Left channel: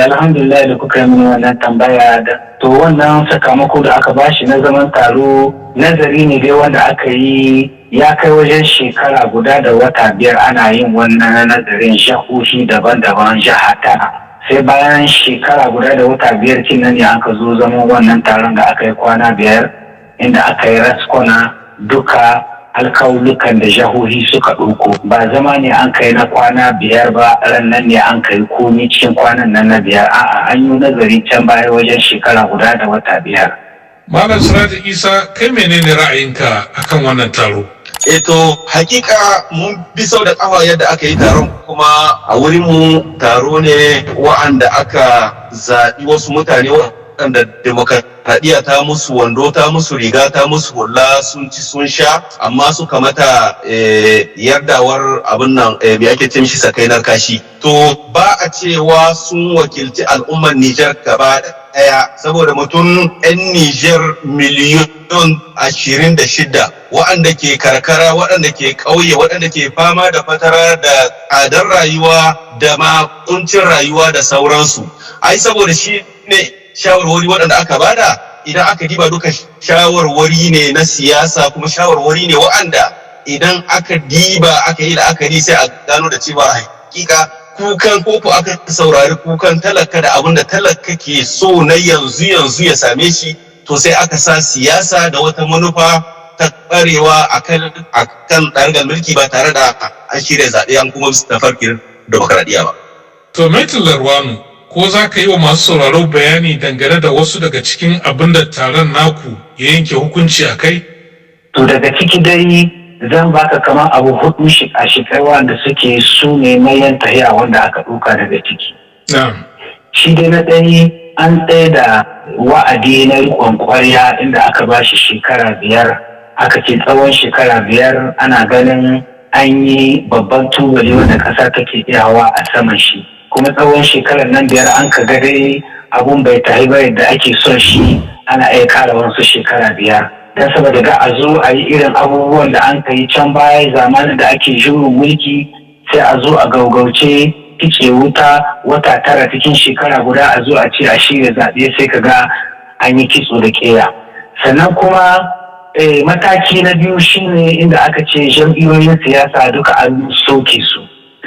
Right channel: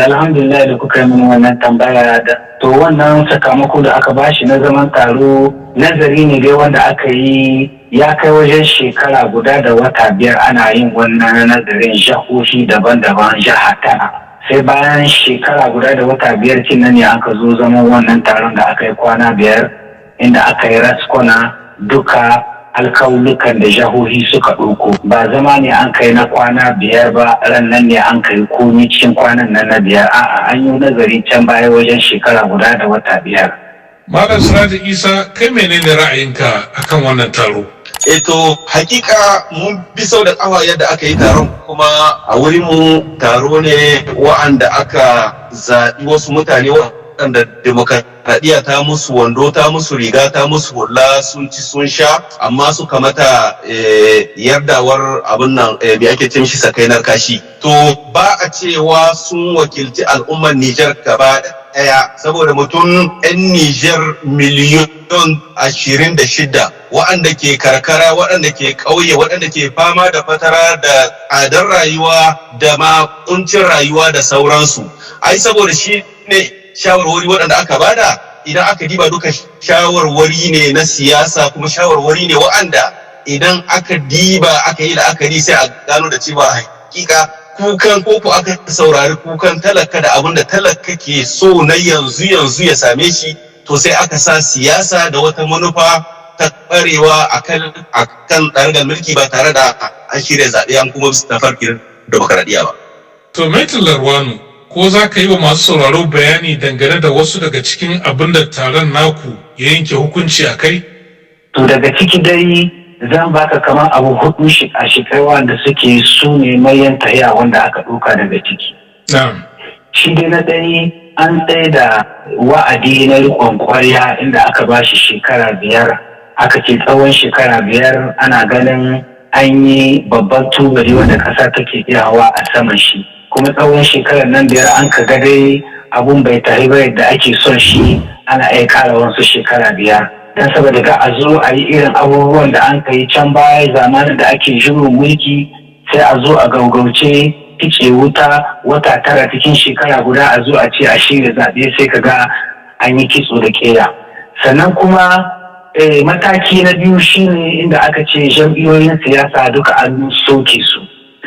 Alhamdulillah da kuka yi mini wannan tambaya da to wannan sakamako da aka bashi na zaman taro nazari ne dai wanda aka yi ya kai wajen shekara guda da wata 5 ana yin wannan nazarin jahohi daban-daban jiha tara. Sai bayan shekara guda da wata 5 kinan ne aka zo zaman wannan taron da aka yi kwana 5 inda aka yi raskwana duka alkawulukan da jahohi suka ɗauko. Ba zama ne an kai na kwana 5 ba, ran nan ne an kai komi cikin kwanan nan na 5. A'a, an yi nazari can baya wajen shekara guda da wata 5. Malam Siraji Isa, kai menene ra'ayinka akan wannan taro? Hakika mun bi sau da kafa yadda aka yi taron, kuma a wurin mu taro ne wa'anda aka zaɓi wasu mutane waɗanda demokradiyya ta musu wando, ta musu riga, ta musu hula, sun ci sun sha, amma suka mata yardawar abin nan me ake ce mishi sakainar kashi. To ba a cewa sun wakilci al'ummar Nijar gaba ɗaya, saboda mutum 'yan Nijar miliyon 26 waɗanda ke karkara, waɗanda ke ƙauye, waɗanda ke fama da fatara da tsadar rayuwa da ma kuncin rayuwa da sauransu. Ai saboda shi ne shawarwari waɗanda aka bada, idan aka diba duka shawarwari ne na siyasa, kuma shawarwari ne waɗanda idan aka diba aka yi la'akari sai a gano da cewa hakika kukan koko aka saurari kukan talaka da abin da talaka ke so na yanzu ya same shi, to sai aka sa siyasa da wata manufa ta ɓarewa a kan ɗargal mulki ba tare da an shirya zaɓe an kuma bisa tafarkin demokaradiyya ba. To Maitin Larwanu, ko za ka yi wa masu sauraro bayani dangane da wasu daga cikin abin da taron naku ya yanke hukunci a kai? To daga ciki dai zan baka kamar abu 4 a shikai wanda suke su ne mayan tahiya wanda aka ɗauka daga ciki. Shi dai na ɗaya an tsaye da wa'adi na riƙon ƙwarya inda aka ba shi shekara 5. Aka ce tsawon shekara 5 ana ganin an yi babban tubali wanda ƙasa take iya hawa a saman shi. Kuma tsawon shekarar nan 5 an ka ga dai abun bai tahi ba yadda ake son shi, ana iya ƙara wasu shekara 5. Dan saboda ga a zo a yi irin abubuwan da an kai can baya zamanin da ake juyin mulki, sai a zo a gaugauce kice wuta wata 9 cikin shekara guda a zo a ce a shirya zaɓe, sai ka ga an yi kitso da ƙeya. Sannan kuma mataki na biyu shine inda aka ce jam'iyyoyin siyasa duka an soke su,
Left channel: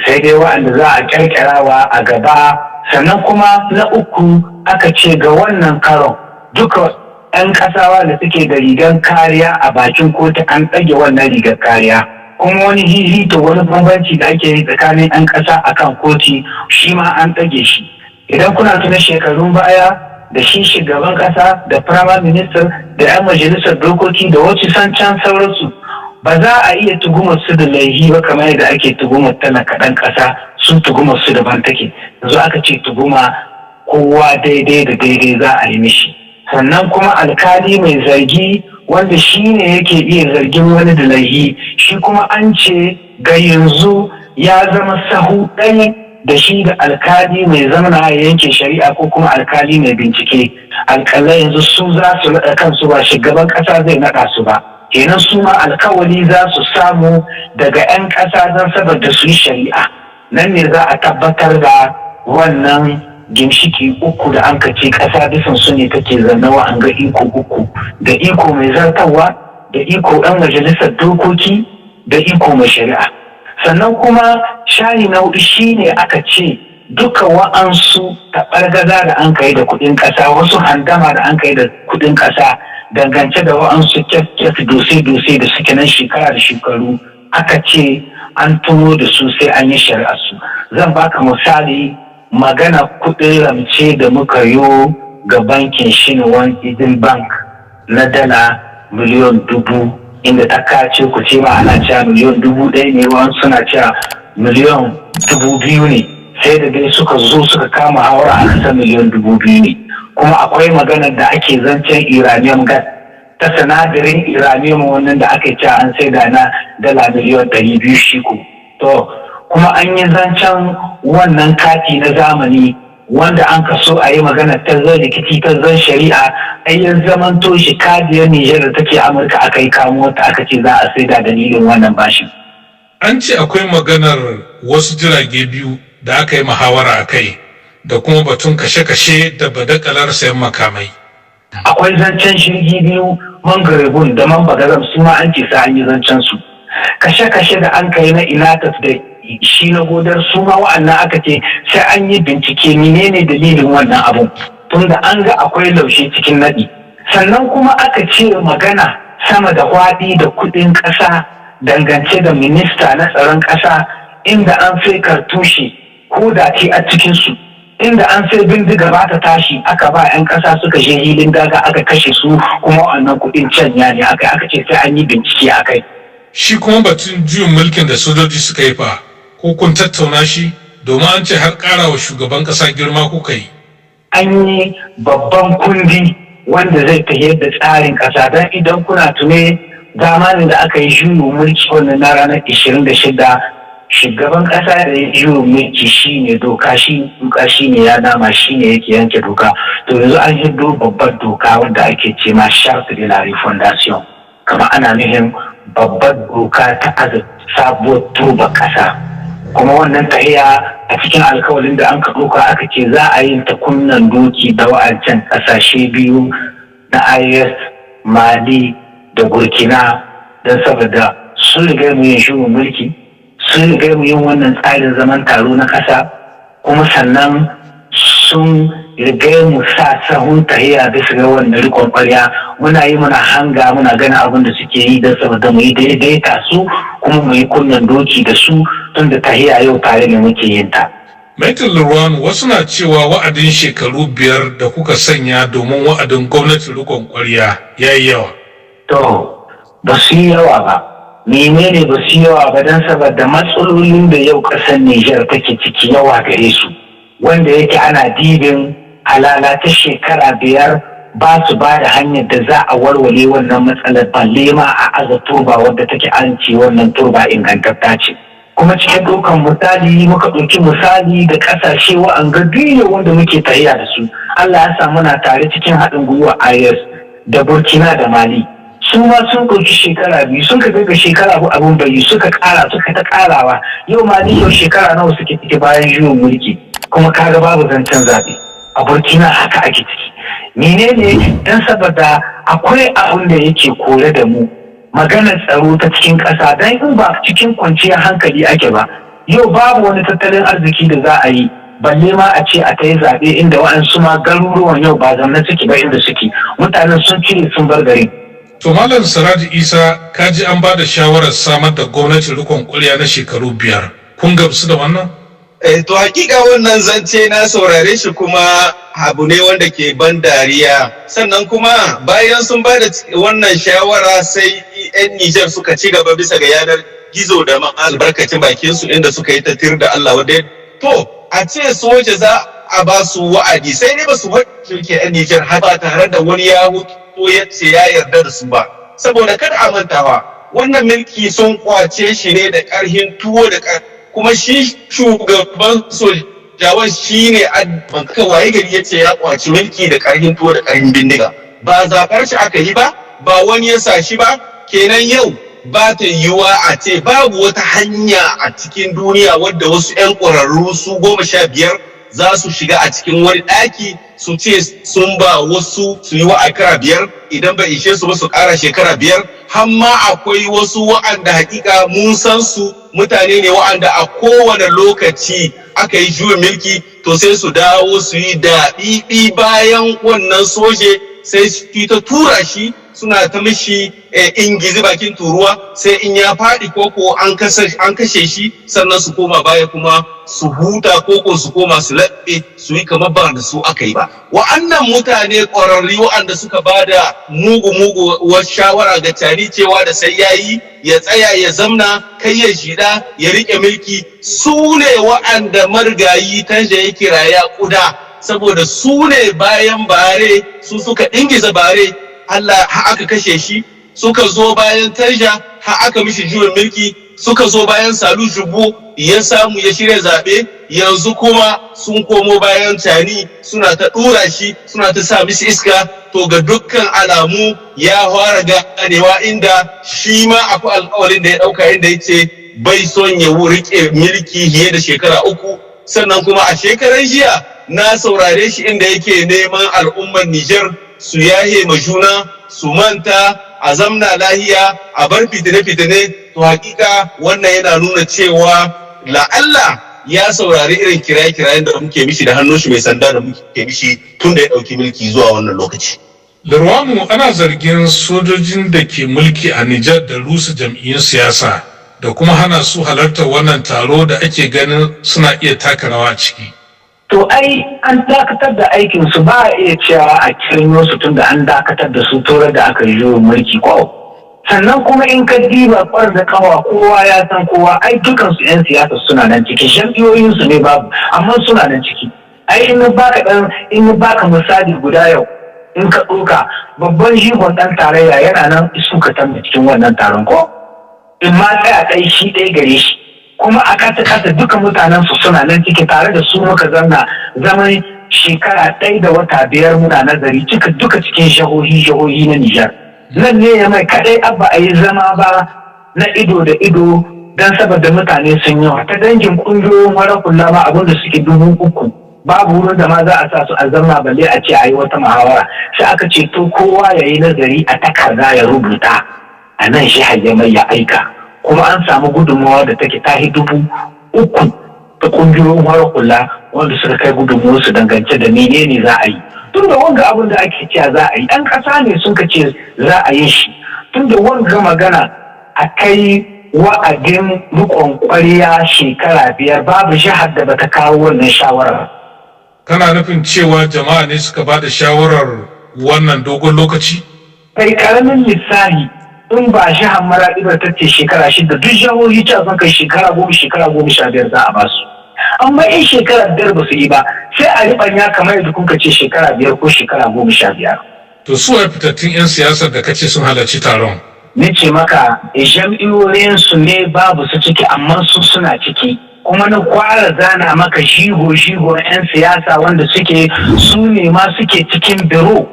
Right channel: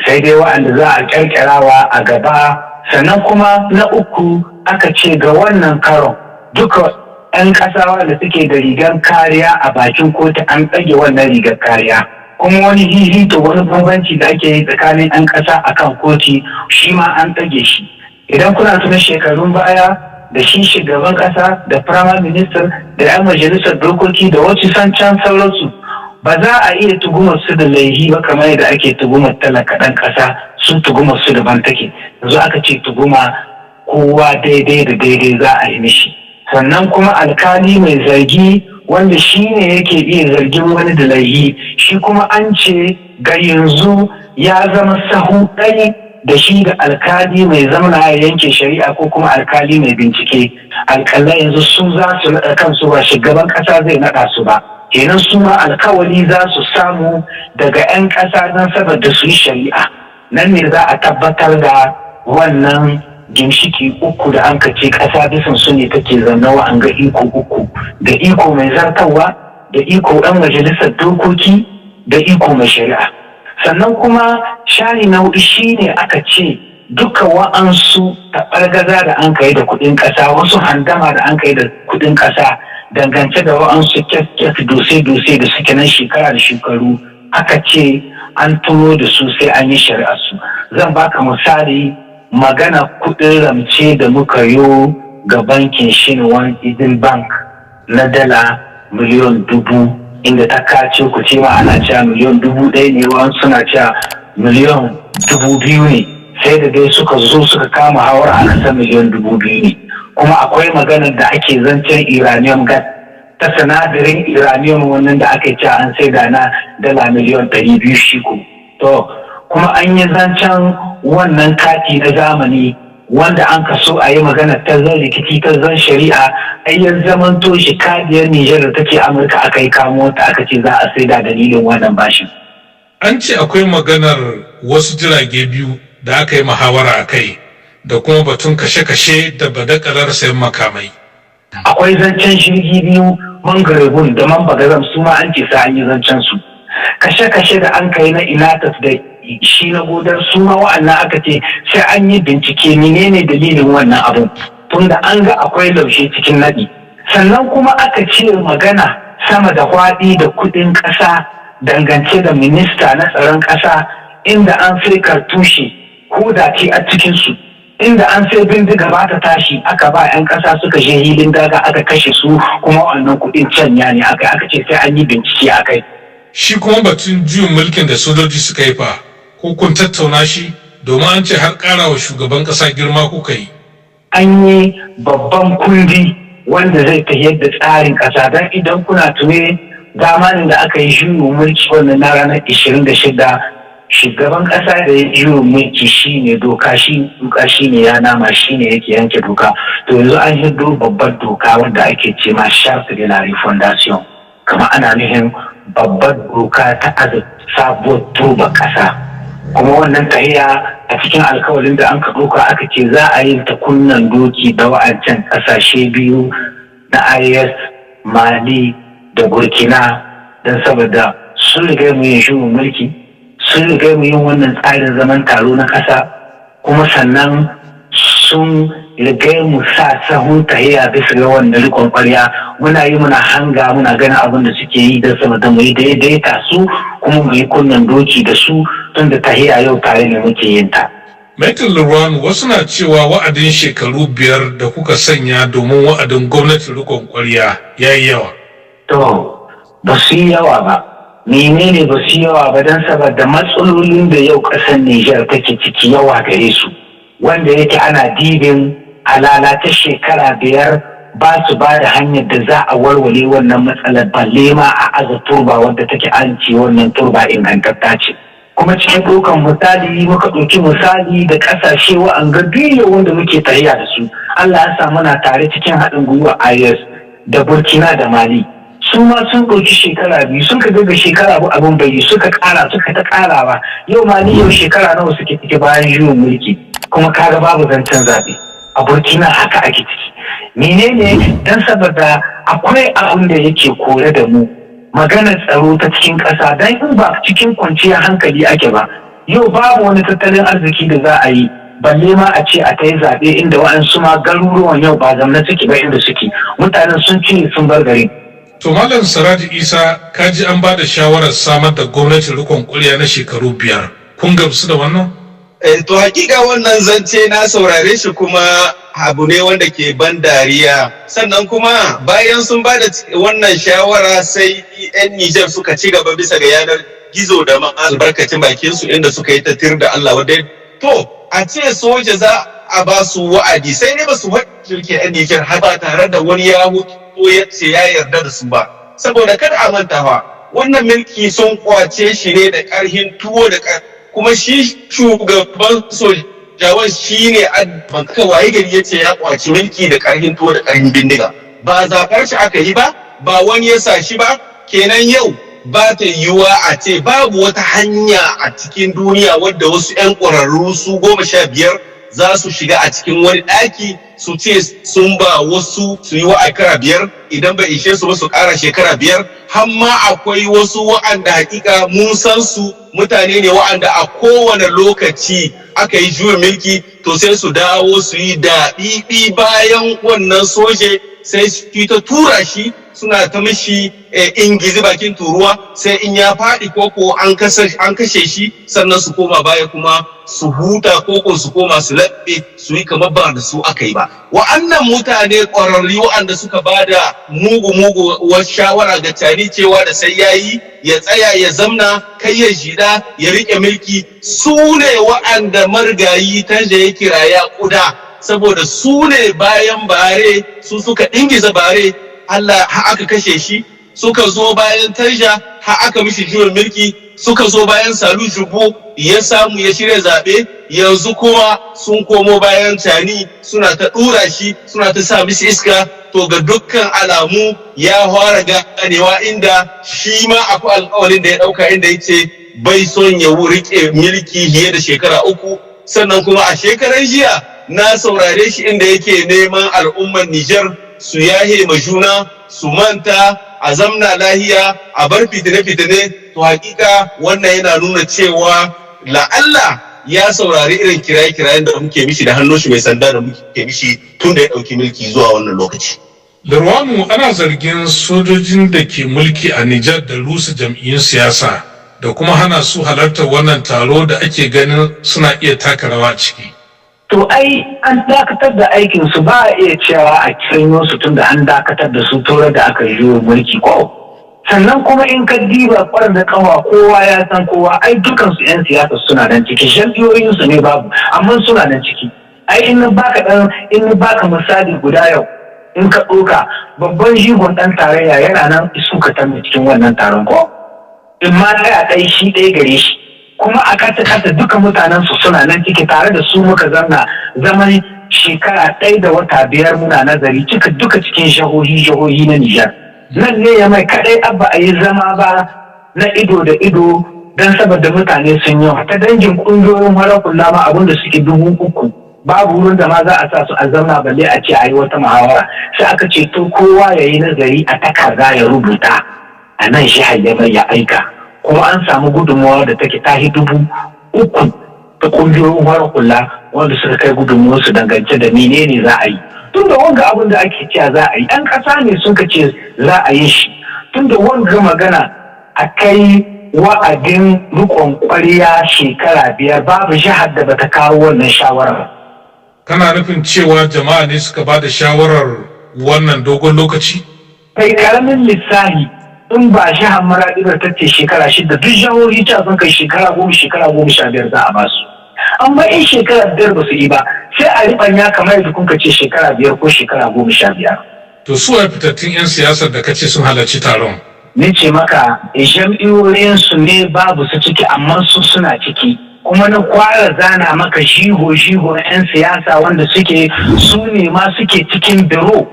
sai dai waɗanda za a ƙirƙirawa a gaba. Sannan kuma na uku aka ce ga wannan karon duka 'yan ƙasawa da suke da rigar kariya a bakin kotu an ɗage wannan rigar kariya. Kuma wani hihito, wani bambanci da ake yi tsakanin 'yan ƙasa akan koti shi ma an ɗage shi. Idan kuna tuna shekarun baya da shi shugaban ƙasa da prime minister da 'yan majalisar dokoki da wasu can sauransu ba za a iya tugumar su da laihi ba kamar yadda ake tugumar talaka ɗan ƙasa, sun tugumar su daban take. Yanzu aka ce tuguma kowa daidai da daidai za a yi mishi. Sannan kuma alkali mai zargi wanda shi ne yake iya zargin wani da laihi, shi kuma an ce ga yanzu ya zama sahu ɗaya da shi da alkali mai zamana ya yanke shari'a ko kuma alkali mai bincike. Alƙalai yanzu su za su naɗa kansu, ba shugaban ƙasa zai naɗa su ba. Kenan su ma alkawali za su samu daga 'yan ƙasa don saboda su yi shari'a. Nan ne za a tabbatar da wannan ginshiki 3 da an kace ƙasa bisan su ne take zannawa an ga iko 3, da iko mai zartarwa, da iko ɗan majalisar dokoki, da iko mai shari'a. Sannan kuma shari na 4 shine aka ce duka wa'ansu taɓargaza da an kai da kuɗin ƙasa, wasu handama da an kai da kuɗin ƙasa dangance da wa'ansu kyat dose-dose da suke nan shekara da shekaru, aka ce an tuno da su sai an yi shari'ar su. Zan baka misali, magana kuɗin ramce da muka yi ga bankin Shinwan Idil Bank na dala miliyon 1000, inda ta kace ku ce ma ana cewa miliyon 1000 ne, wani suna cewa miliyon 2000 ne, sai da dai suka zo suka kama hawar a nasa miliyon 2000 ne. Kuma akwai maganar da ake zancen uranium gas ta sinadarin uranium wannan da aka ce an sai da na dala miliyon 200 shi ku. To kuma an yi zancen wannan kati na zamani wanda an kaso a yi magana ta zan rikici ta zan shari'a, ayyan zamanto shi kadiyar Nijar da take Amurka aka yi kamo ta aka ce za a saida dalilin wannan bashin. An ce akwai maganar wasu jirage biyu da aka yi muhawara a kai, da kuma batun kashe-kashe da badakalar sayan makamai. Akwai zancen shirgi biyu Mangarebun da Mambagazam su ma an ce sa an yi zancen su. Kashe-kashe da an kai na Inatas da shi na Godar su ma wa'annan aka ce sai an yi bincike menene dalilin wannan abun. Tunda an ga akwai laushe cikin naɗi. Sannan kuma aka ce magana sama da hwaɗi da kuɗin ƙasa dangance da minista na tsaron ƙasa inda an sai kartushe ko da ke a cikinsu inda an sai bindiga ba ta tashi aka ba 'yan ƙasa suka je hilin daga aka kashe su kuma wannan kuɗin canya ne aka ce sai an yi bincike a kai. Shi kuma batun juyin mulkin da sojoji suka yi fa ko kun tattauna shi domin an ce har ƙara wa shugaban ƙasa girma kuka yi. An yi babban kundi wanda zai tafiyar da tsarin ƙasa don idan kuna tune zamanin da aka yi juyin mulki wannan na ranar 26 shugaban ƙasa da ya juyin mulki shine doka shi ne ya nama shine yake yanke doka to yanzu an hiddo babbar doka wanda ake ce ma charte de la refondation kama ana nufin babbar doka ta sabuwar turba ƙasa kuma wannan tahiya a cikin alkawalin da an ka ɗauka aka ce za a yi ta kunnan doki da wa'ancan ƙasashe biyu na IS, Mali da Burkina don saboda sun riga mu yin shugaban mulki, sun riga mu yin wannan tsarin zaman taro na ƙasa kuma sannan sun riga mu sa sahun tahiya bisa ga wannan rikon ƙwarya muna yi muna hanga muna ganin abin da suke yi don saboda mu yi daidaita su kuma mu yi kunnan doki da su tun da tahiya yau tare ne muke yin ta. Maitre Lurwanu wasu na cewa wa'adin shekaru 5 da kuka sanya domin wa'adin gwamnatin rikon ƙwarya ya yi yawa. To, ba su yi yawa ba. Menene ba su yi yawa ba don saboda matsalolin da yau ƙasar Nijar take ciki yawa gare su. Wanda yake ana dibin alala ta shekara 5 ba su ba da hanyar da za a walwale wannan matsalar balle ma a aza turba wadda take an ce wannan turba ingantatta ce. Kuma cikin ɗaukan misali muka ɗauki misali da ƙasashe wa'anga duniya wanda muke tahiya da su. Allah ya sa muna tare cikin haɗin gwiwa IS da Burkina da Mali. Su ma sun ɗauki shekara 2 sun ka ga shekara abin bai suka ƙara suka ta ƙarawa. Yau Mali yau shekara nawa suke ciki bayan juyin mulki kuma kaga babu zancen zaɓe. A Burkina haka ake ciki. Menene dan saboda akwai abin da yake kore da mu. Maganar tsaro ta cikin ƙasa don in ba cikin kwanciyar hankali ake ba yau babu wani tattalin arziki da za a yi balle ma a ce a ta yi zaɓe inda waɗansu ma garuruwan yau ba zamna suke ba inda suke mutanen sun cire sun bar garin. To Malam Siraji Isa kaji an ba da shawarar samar da gwamnatin rikon ƙwarya na shekaru 5 kun gamsu da wannan? To hakika wannan zance na saurare shi kuma abu ne wanda ke ban dariya sannan kuma bayan sun ba da wannan shawara sai 'yan Nijar suka ci gaba bisa ga yanar gizo da albarkacin bakin su inda suka yi ta tir da Allah wadda to a ce soja za a ba su wa'adi sai ne ba su ke 'yan Nijar har ba tare da wani ya hutu ya ce ya yarda da su ba saboda kada a mantawa wannan mulki sun kwace shi ne da ƙarhin tuwo da kuma shi shugaban sojawan shi ne aka waye gari ya ce ya kwaci mulki da ƙarhin tuwo da ƙarhin bindiga ba zaɓar shi aka yi ba ba wani ya sa shi ba kenan yau ba ta yiwuwa a ce babu wata hanya a cikin duniya wadda wasu 'yan ƙwararru su 15 za su shiga a cikin wani ɗaki su ce sun ba wasu su yi wa'akara 5 idan bai ishe su ba su ƙara shekara 5 har ma akwai wasu wa'anda hakika mun san su mutane ne wa'anda a kowane lokaci aka yi juyin mulki to sai su dawo su yi daɗiɗi bayan wannan soje sai su ta tura shi suna ta mishi ingizi bakin turuwa sai in ya faɗi koko an kashe shi sannan su koma baya kuma su huta koko su koma su laɓe su yi kamar ba da su aka yi ba wa'annan mutane ƙwararri wa'anda suka ba da mugu shawara ga tani cewa da sai yayi ya tsaya ya zamna kai ya jida ya riƙe mulki su ne wa'anda margayi tanja ya kiraya ƙuda saboda su ne bayan bare su suka ingiza bare Allah ha aka kashe shi suka zo bayan Tanja ha aka mishi juyin mulki suka zo bayan Salu Jubo ya samu ya shirya zaɓe yanzu kuma sun komo bayan Tani suna ta ɗura shi suna ta sa mishi iska to ga dukkan alamu ya fara ganewa inda shi ma akwai alƙawarin da ya ɗauka inda ya ce bai son ya riƙe mulki fiye da shekara 3 sannan kuma a shekaran jiya na saurare shi inda yake neman al'ummar Nijar su yahe ma juna, su manta, a zamna lahiya, a bar fitine-fitine. To hakika wannan yana nuna cewa la'alla ya saurari irin kiraye-kirayen da muke mishi da hannun shi mai sanda da muke mishi tun da ya ɗauki mulki zuwa wannan lokaci. Lurwanu, ana zargin sojojin da ke mulki a Nijar da rusa jam'iyyun siyasa da kuma hana su halartar wannan taro da ake ganin suna iya taka rawa ciki. To ai an dakatar da aikin su, ba a iya cewa a kirino su tun da an dakatar da su tura da aka yi mulki ko. Sannan kuma in ka diba kwar da kawa kowa ya san kowa, ai dukansu 'yan siyasa suna nan ciki, jam'iyyoyinsu ne babu amma suna nan ciki. Ai in baka misali guda yau, in ka ɗauka babban jigon ɗan tarayya yana nan suka tambi cikin wannan taron ko in ma tsaya ɗai shi ɗaya gare shi, kuma a kasa duka mutanen su suna nan ciki tare da su muka zaman shekara ɗaya da wata 5 muna nazari duka cikin jihohi na Nijar. Nan ne ya mai kaɗai abba a yi zama ba na ido da ido don saboda mutane sun yawa ta dangin ƙungiyoyin farar hula ma abinda suke 3,000 babu wurin da ma za a sa su a zamna balle a ce a yi wata muhawara, sai aka ce to kowa ya yi nazari a takarda ya rubuta a nan shi mai ya aika, kuma an samu gudunmawa da take tahi 3,000 ta ƙungiyoyin farar hula wanda suka kai gudunmawarsu dangance da menene za a yi. Tun da wanga abin da ake cewa za a yi, 'yan ƙasa ne sun ka ce za a yi shi. Tun da wanga magana a kai wa'adin riƙon ƙwariya shekara 5 babu jihar da bata kawo wannan shawarar. Kana nufin cewa jama'a ne suka ba da shawarar wannan dogon lokaci? Kai karamin lissahi in ba jihar Maraɗi ba ta ce shekara 6, duk jihohi ta sun kai shekara 10-15 za a ba su. Amma in shekara 5 ba su yi ba sai a riɓanya kamar yadda kuka ce shekara 5 ko shekara 15. To su a fitattun 'yan siyasar da kace sun halarci taron? Ni ce maka jam'iyyoyinsu ne babu su ciki amma su suna ciki. Kuma na kwara zana maka shigo 'yan siyasa wanda su ne ma suke cikin biro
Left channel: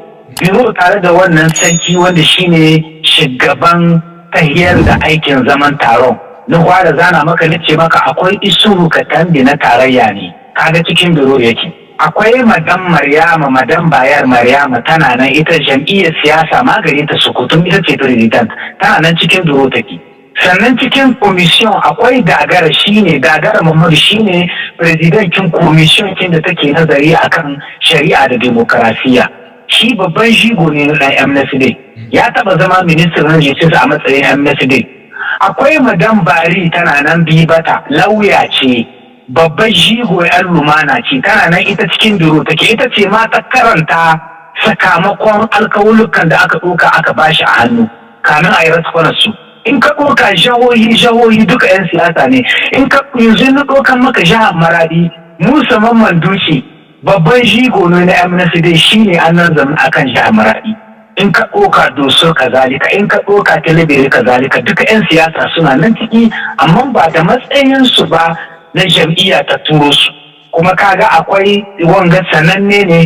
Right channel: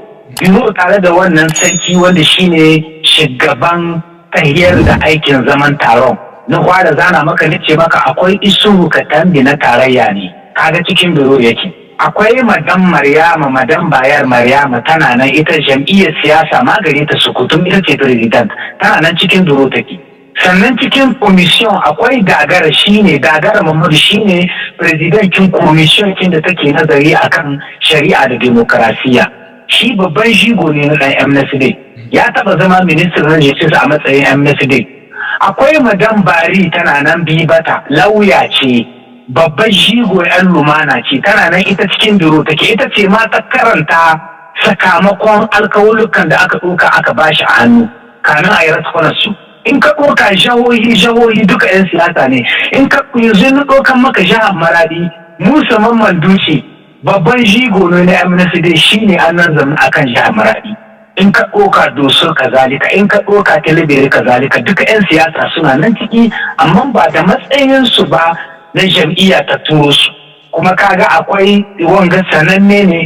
tare da wannan sarki wanda shine shugaban tahiyar da aikin zaman taron. Na kwara zana maka nace maka akwai Isuhu Katambi na tarayya ne, kaga cikin biro yake. Akwai madam Bayar Maryama tana nan, ita jam'iyyar siyasa magare ta Sokoto, ita ce president, tana nan cikin biro take. Sannan cikin commission akwai Gagara Mamadu shine presidentin commission kin da take nazari akan shari'a da demokrasiya. Shi babban jigo ne na dan MNSD, ya taba zama ministan na justice a matsayin MNSD. Akwai madam Bari tana nan Bibata, lauya ce, babban jigo 'yan lumana ce, tana nan ita cikin biro take, ita ce ma ta karanta sakamakon alkawulukan da aka ɗauka aka bashi a hannu kamin a yi raskunan su. In ka ɗauka jihohi duka 'yan siyasa ne, in ka yanzu na ɗaukan maka jihar Maradi, Musa Mamman Duci babban jigo ne na MNSD shine an nan zama akan jihar Maradi. In ka ɗauka Doso kazalika, in ka ɗauka Talabiri kazalika, duka 'yan siyasa suna nan ciki amma ba da matsayinsu ba na jam'iyya ta turo su. Kuma kaga akwai wanga sananne ne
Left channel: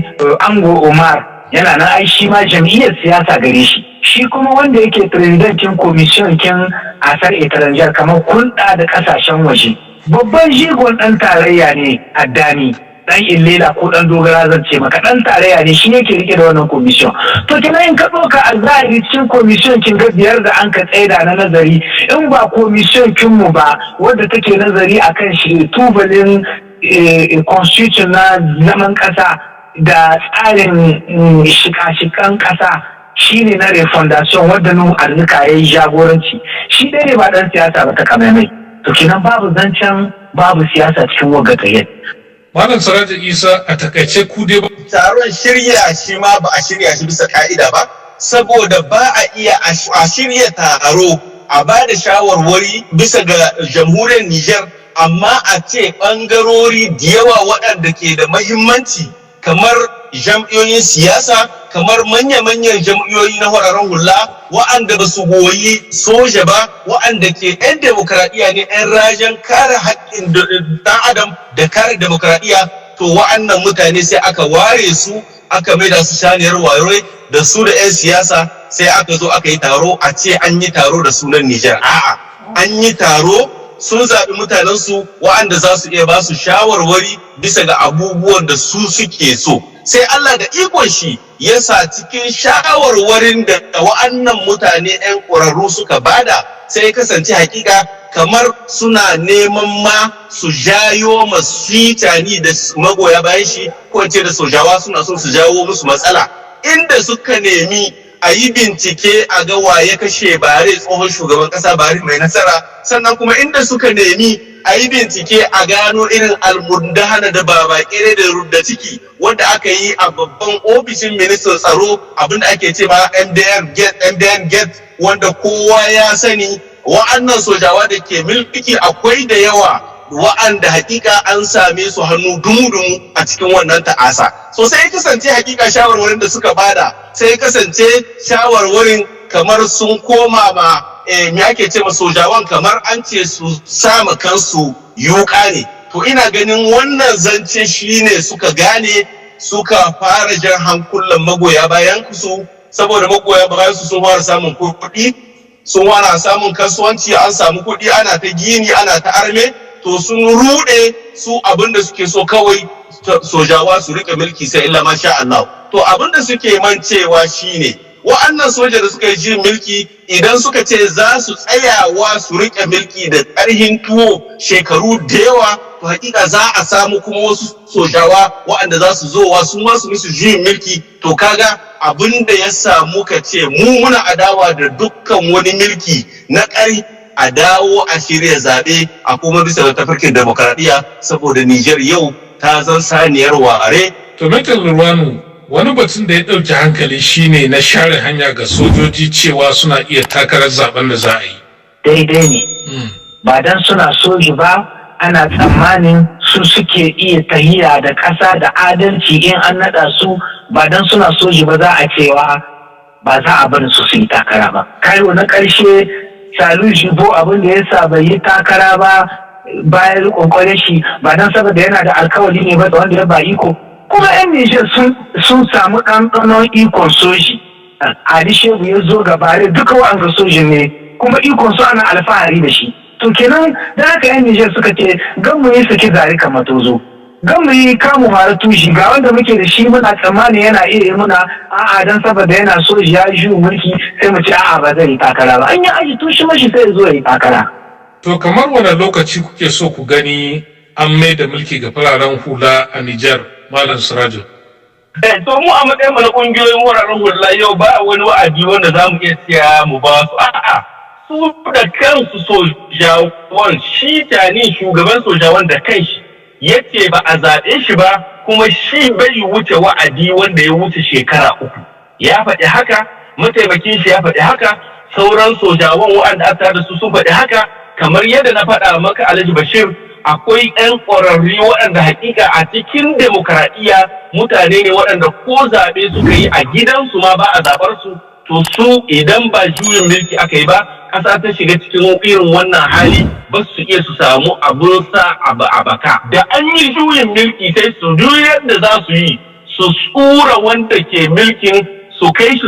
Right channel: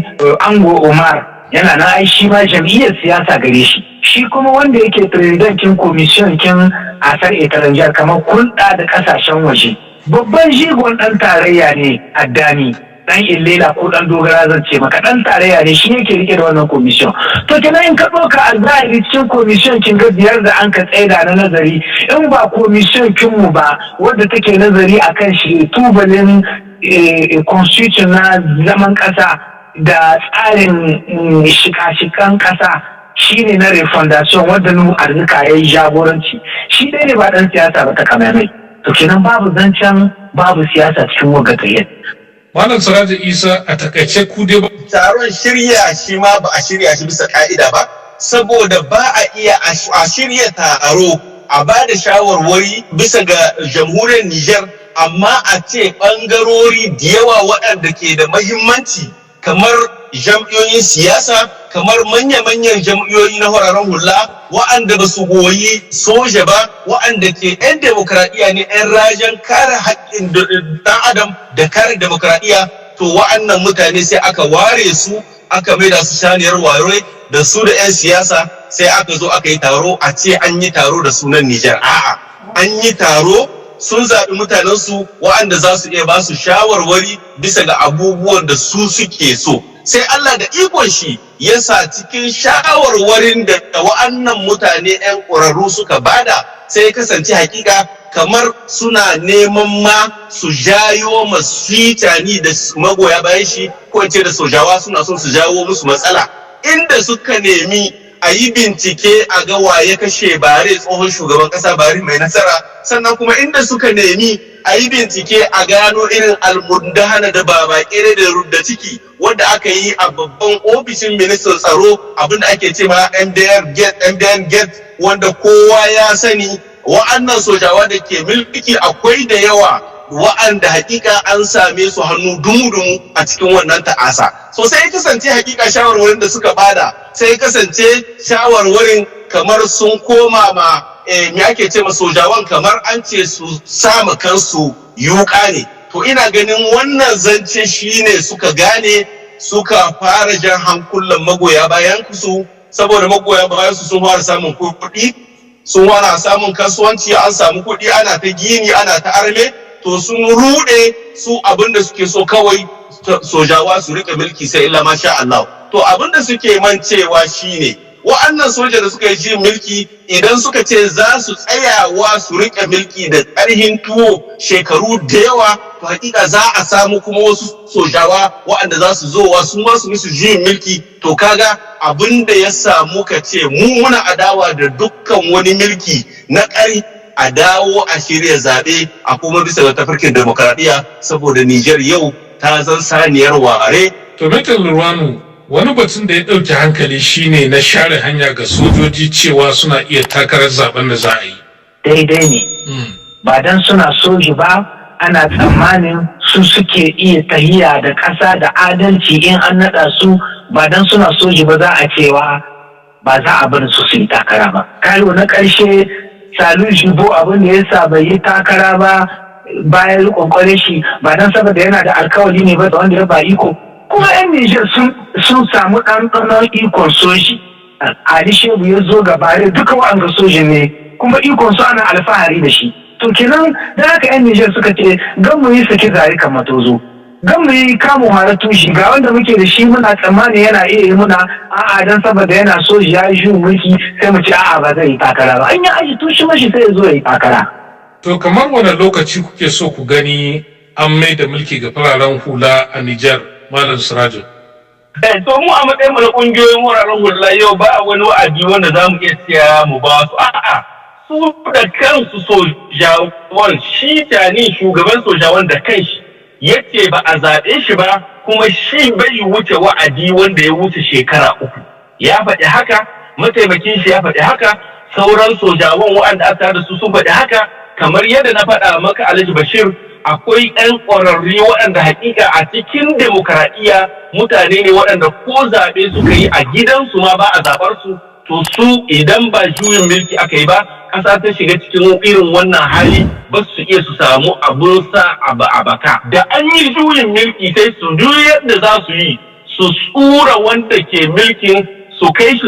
Ango Umar yana nan ai shi ma jam'iyyar siyasa gare shi. Shi kuma wanda yake presidentin commission kin asar itaranjar kamar hulɗa da ƙasashen waje. Babban jigon ɗan tarayya ne Addani. Dan Illela ko dan Dogara zan ce maka dan tarayya ne, shi yake rike da wannan commission. To kina in ka ɗauka a zahiri cikin commission kin ga 5 da an ka tsaida na nazari, in ba commission kin mu ba wadda take nazari akan shi tubalin constitution na zaman ƙasa da tsarin shika-shikan ƙasa shine na refondation wadda nu arzika yayi jagoranci. Shi dai ne ba dan siyasa ba ta kamaimai. To kinan babu zancen babu siyasa cikin wagga. Malam Siraja Isa, a takaice ku dai ba. Taron shirya shi ma ba a shirya shi bisa ka'ida ba, saboda ba a iya a shirya taro a ba da shawarwari bisa ga jamhuriyar Nijar, amma a ce ɓangarori da yawa waɗanda ke da mahimmanci kamar jam'iyyoyin siyasa, kamar manya-manyan jam'iyyoyi na fararen hula wa'anda ba su goyi soja ba, wa'anda ke 'yan demokradiyya ne, 'yan rajen kare haƙƙin ɗan adam da kare demokradiyya, to wa'annan mutane sai aka ware su aka maida su shaniyar wayo da su da 'yan siyasa, sai aka zo aka yi taro a ce an yi taro da sunan Nijar. A'a, an yi taro sun zaɓi mutanensu wa'anda za su iya ba su shawarwari bisa ga abubuwan da su suke so. Sai Allah da ikon shi ya sa cikin shawarwarin da wa'annan mutane 'yan ƙwararru suka bada sai kasance hakika kamar suna neman ma su jayo masu tani da magoya bayan shi ko in ce da sojawa suna son su jawo musu matsala, inda suka nemi a yi bincike a ga waye kashe Bare tsohon shugaban kasa Bare mai nasara, sannan kuma inda suka nemi a yi bincike a gano irin almundahana da babakere da rudda ciki wanda aka yi a babban ofishin ministan tsaro, abinda ake ce ma MDN gate wanda kowa ya sani. Wa'annan sojawa da ke mulki akwai da yawa wa'anda hakika an same su hannu dumu-dumu a cikin wannan ta'asa. So sai kasance hakika shawarwarin da suka bada sai kasance shawarwarin kamar sun koma ma me ake ce ma sojawan kamar an ce su sama kansu yuka ne. To ina ganin wannan zance shine suka gane suka fara jan hankulan magoya bayan su, saboda magoya bayan su sun fara samun kuɗi, sun wana samun kasuwanci, an samu kuɗi, ana ta gini, ana ta arme, to sun ruɗe su abinda suke so kawai sojawa su rike mulki sai illa masha Allah. To abinda suke mancewa shine wa'annan soja da suka ji mulki idan suka ce za su tsayawa su rike mulki da ƙarhin tuwo shekaru da yawa, to hakika za a samu kuma wasu sojawa wa'anda za su zowa su ma su musu juyin mulki. To kaga abin da ya samu ka ce mu muna adawa da dukkan wani mulki na ƙari, a dawo a shirya zaɓe a kuma bisa da tafarkin demokradiyya, saboda Nijar yau ta zan saniyar ware. To Metal Lurwanu, wani batun da ya ɗauki hankali shine na share hanya ga sojoji cewa suna iya takarar zaben da za a yi. Daidai ne. Ba dan suna soji ba ana tsammanin su suke iya tahiya da ƙasa da adalci in an naɗa su, ba dan suna soji ba za a cewa ba za a bar su yi takara ba. Karo na ƙarshe Salu Jibo abin da ya sa bai yi takara ba bayan kwankwaре shi ba dan saboda yana da alkawali ne ba da wanda ya ba iko. Kuma 'yan Nijar sun samu ɗanɗanon ikon soji. Ali Shehu ya zo gabare duka wa'anga sojin ne kuma ikon su ana alfahari da shi. To kenan da haka 'yan Nijar suka ce gan mu yi saki zari kan matozo. Gan mu yi kamun hara tushi ga wanda muke da shi muna tsammani yana iya yi muna a'a dan saboda yana soji ya yi mulki sai mu ce a'a ba zai yi takara ba. An yi aji tushi mashi sai ya zo ya yi takara. To kamar wani lokaci kuke so ku gani an mai da mulki ga fararen hula a Nijar, Malam Sirajo? To mu a matsayin mu na kungiyoyin wuraren hula yau ba wani wa'adi wanda za mu iya siya mu ba su. A'a, su da kansu sojawan, shi tani shugaban sojawan da kanshi yace ba a zaɓe shi ba, kuma shi bai wuce wa'adi wanda ya wuce shekara 3. Ya faɗi haka, mataimakin shi ya faɗi haka, sauran sojawan wa'anda aka da su sun faɗi haka. Kamar yadda na faɗa maka Alhaji Bashir, akwai 'yan ƙwararri waɗanda hakika a cikin demokradiyya mutane ne waɗanda ko zaɓe suka yi a gidansu ma ba a zaɓar su. To su idan ba juyin mulki aka yi ba, ƙasa ta shiga cikin irin wannan hali ba su iya su samu abun sa a baka. Da an yi juyin mulki sai su duk da za su yi su tsura wanda ke mulkin su kai shi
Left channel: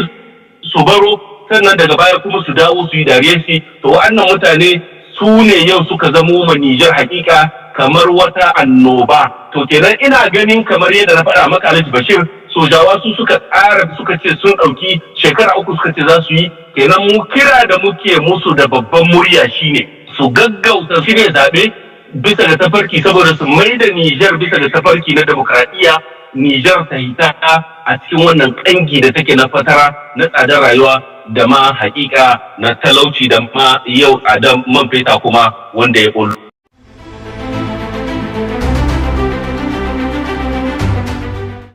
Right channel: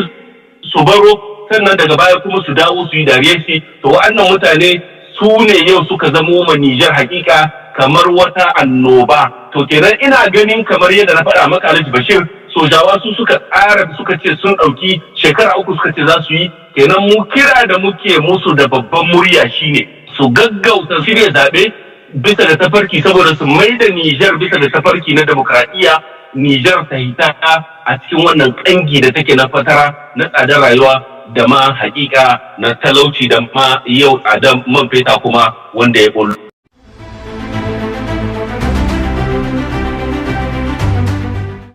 su baro, sannan daga baya kuma su dawo su yi dariyar shi. To wa'annan mutane su ne yau suka zamo ma Nijar hakika kamar wata annoba. To kenan ina ganin kamar yadda na faɗa maka Alhaji Bashir, sojawa su suka tsara suka ce sun ɗauki shekara 3 suka ce za su yi. Kenan mu kira da muke musu da babban murya shine su gaggauta shirya zaɓe bisa da tafarki, saboda su mai da Nijar bisa da tafarki na demokradiyya. Nijar ta hita a cikin wannan ƙangi da take na fatara na tsadar rayuwa da ma hakika na talauci da ma yau a man feta kuma wanda ya ɓullo.